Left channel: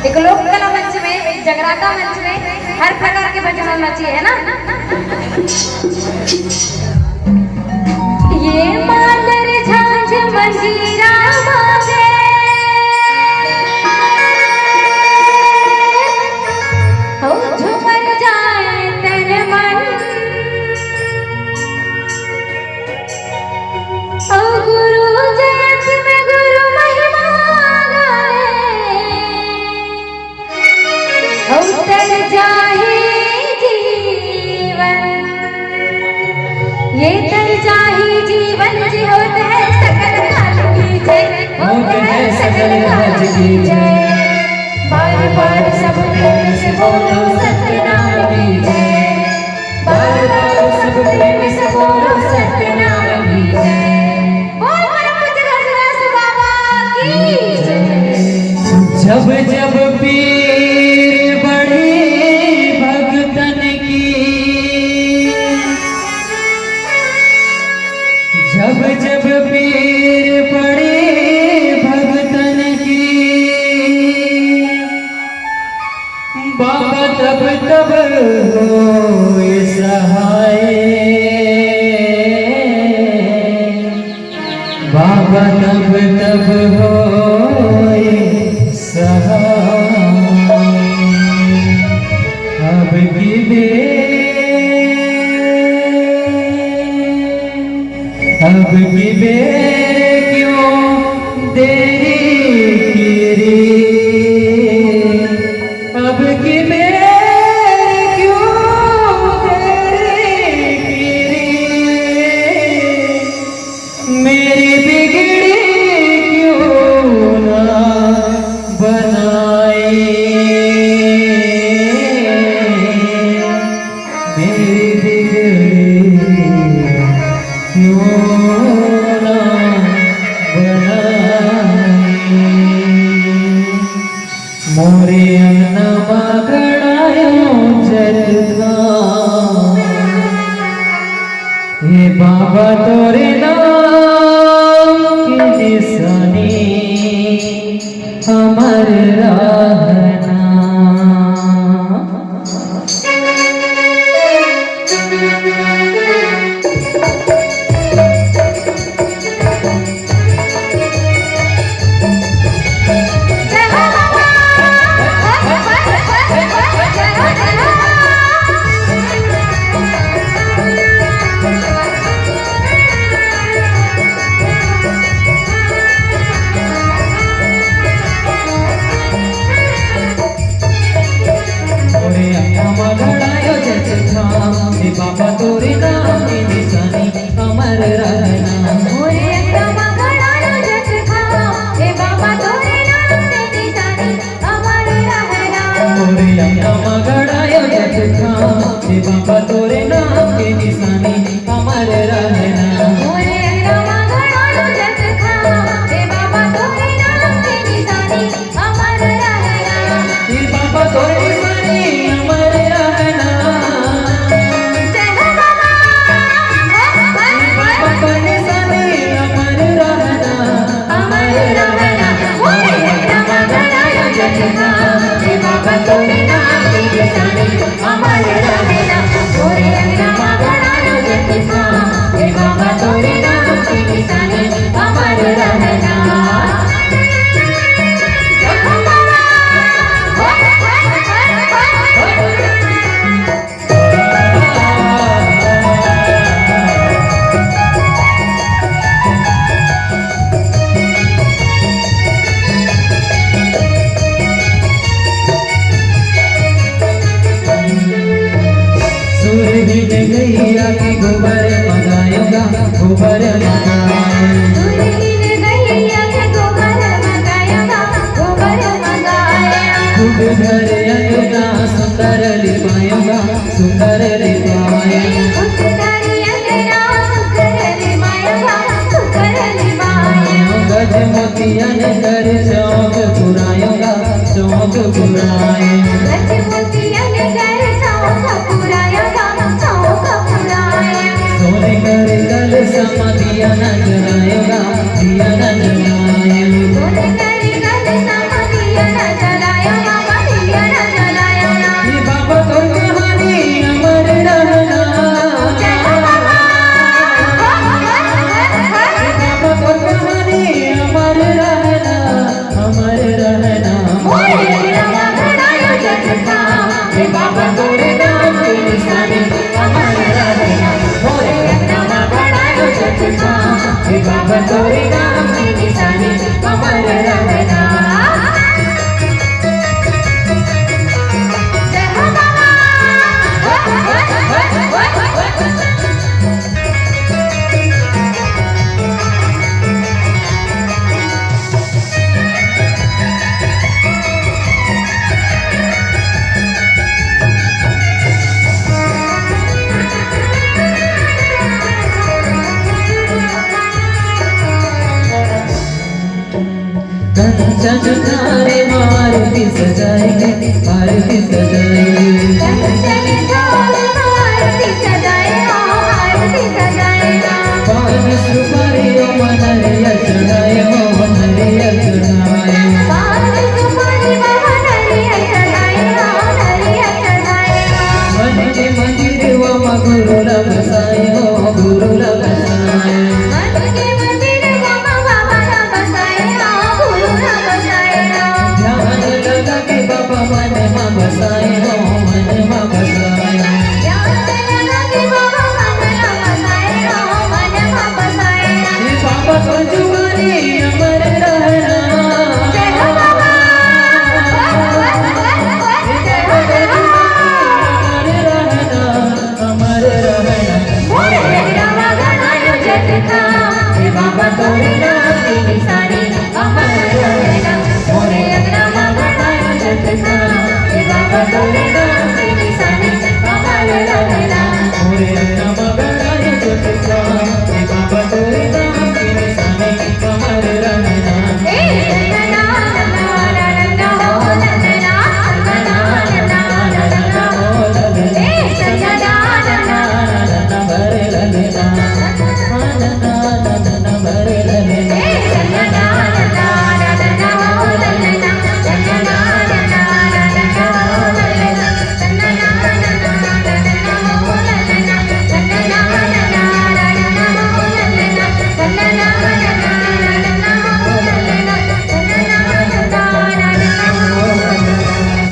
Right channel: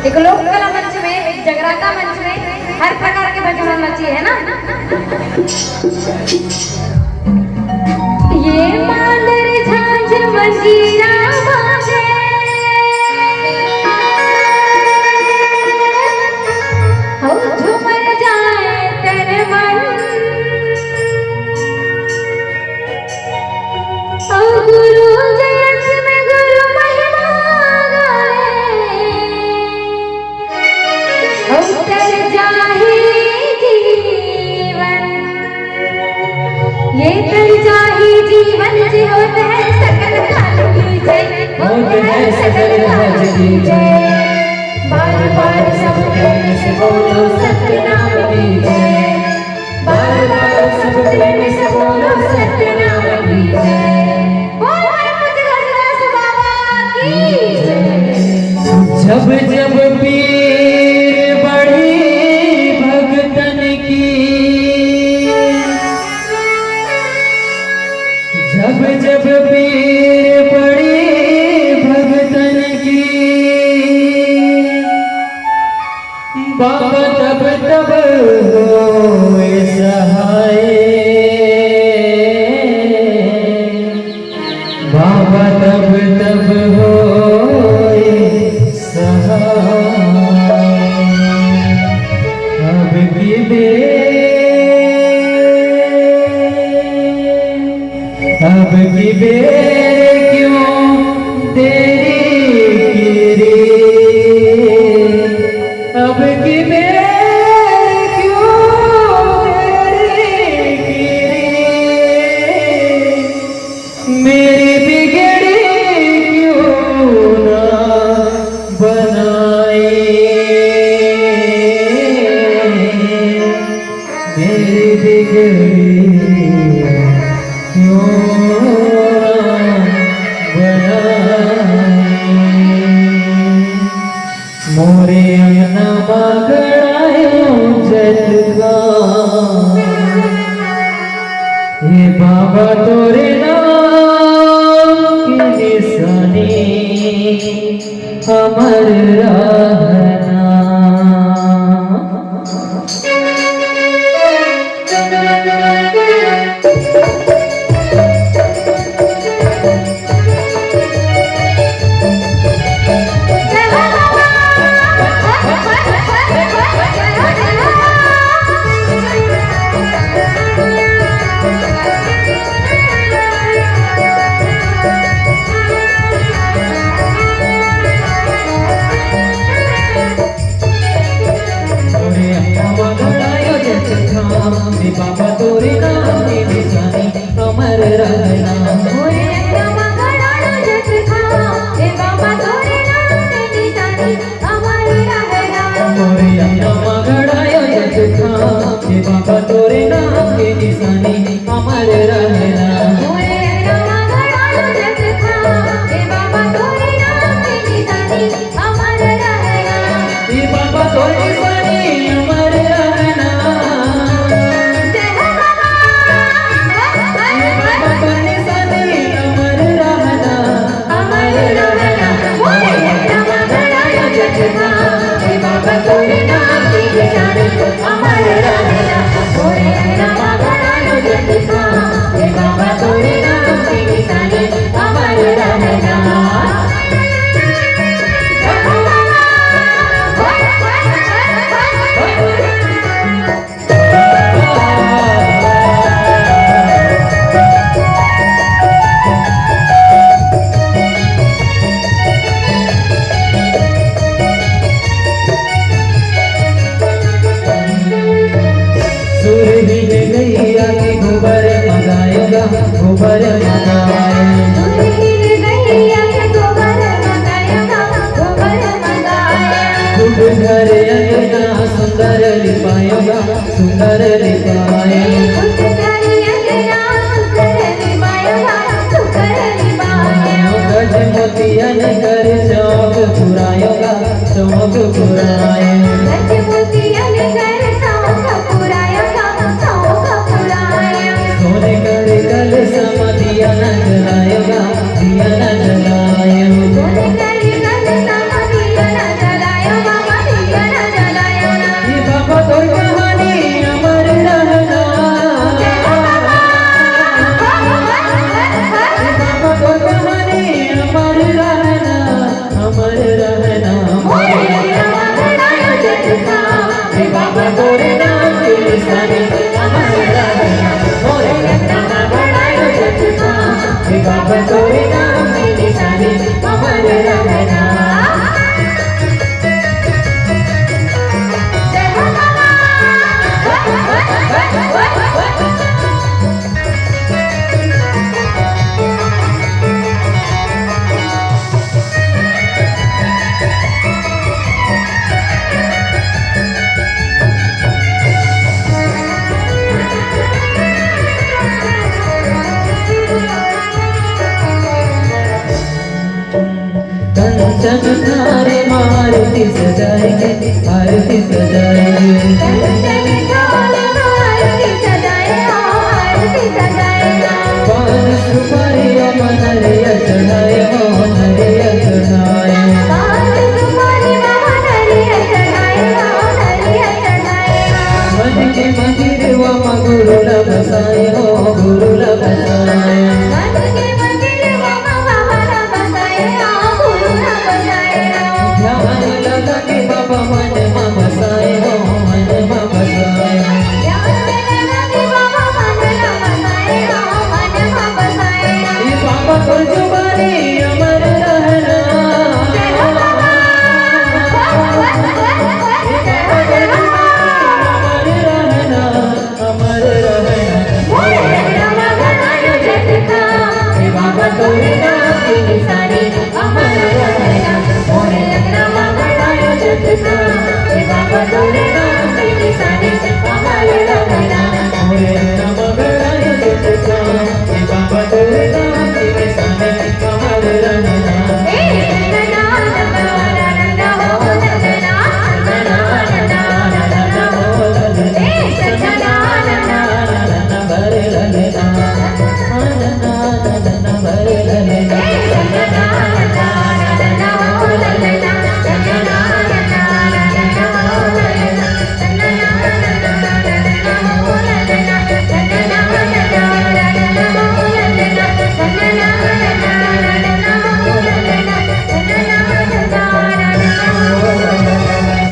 एक लोक कला मंच में, एक जगराता मंच में हर प्रकार के भजन होना चाहिए, है ना। ये मांदर झांझ मंजीरा बाजे, हो झूमर जाए तेरे मन, ओ गुरु जयंती में गुरु महिमा गाए, उतर जाए जीवन, ये तर जाए जीवन जी होते हैं सकल काल की जय, होते हैं सकल काल की जय। बार बार सब प्रेम से बोलो सत्य नाम की जय, बार बार सब प्रेम से बोलो सत्य नाम की जय। बोल रामदास बाबा की जय। जब जब पीर बढ़ी भगतन की, जब जब पीर बढ़ी भगतन की, बाबा तब तब होए सहाय, बाबा तब तब होए सहाय। अब की बेर क्यों देरी की रे, अब की बेर क्यों देरी की रे, मेरी बिगड़ी क्यों ना बनाए, मेरी बिगड़ी क्यों ना बनाए। मोरे अंगना बागड़ायो जटका, हे बाबा तोरे नाम की निशानी अमर रहना। बाबा तोरे नाम की निशानी अमर रहना, गड़ायो जग था, हे बाबा तोरे नाम की निशानी अमर रहना। गोबर मंगाएगा, गोबर घर अंगना सुंदर लिपाएगा, सुंदर गज मोतियन कर चौक पुराएगा, चौक पुराएगा। सोने कर कल समा दिया न जलाएगा, दिया न जलाएगा। मंदिर व गुरुला बसा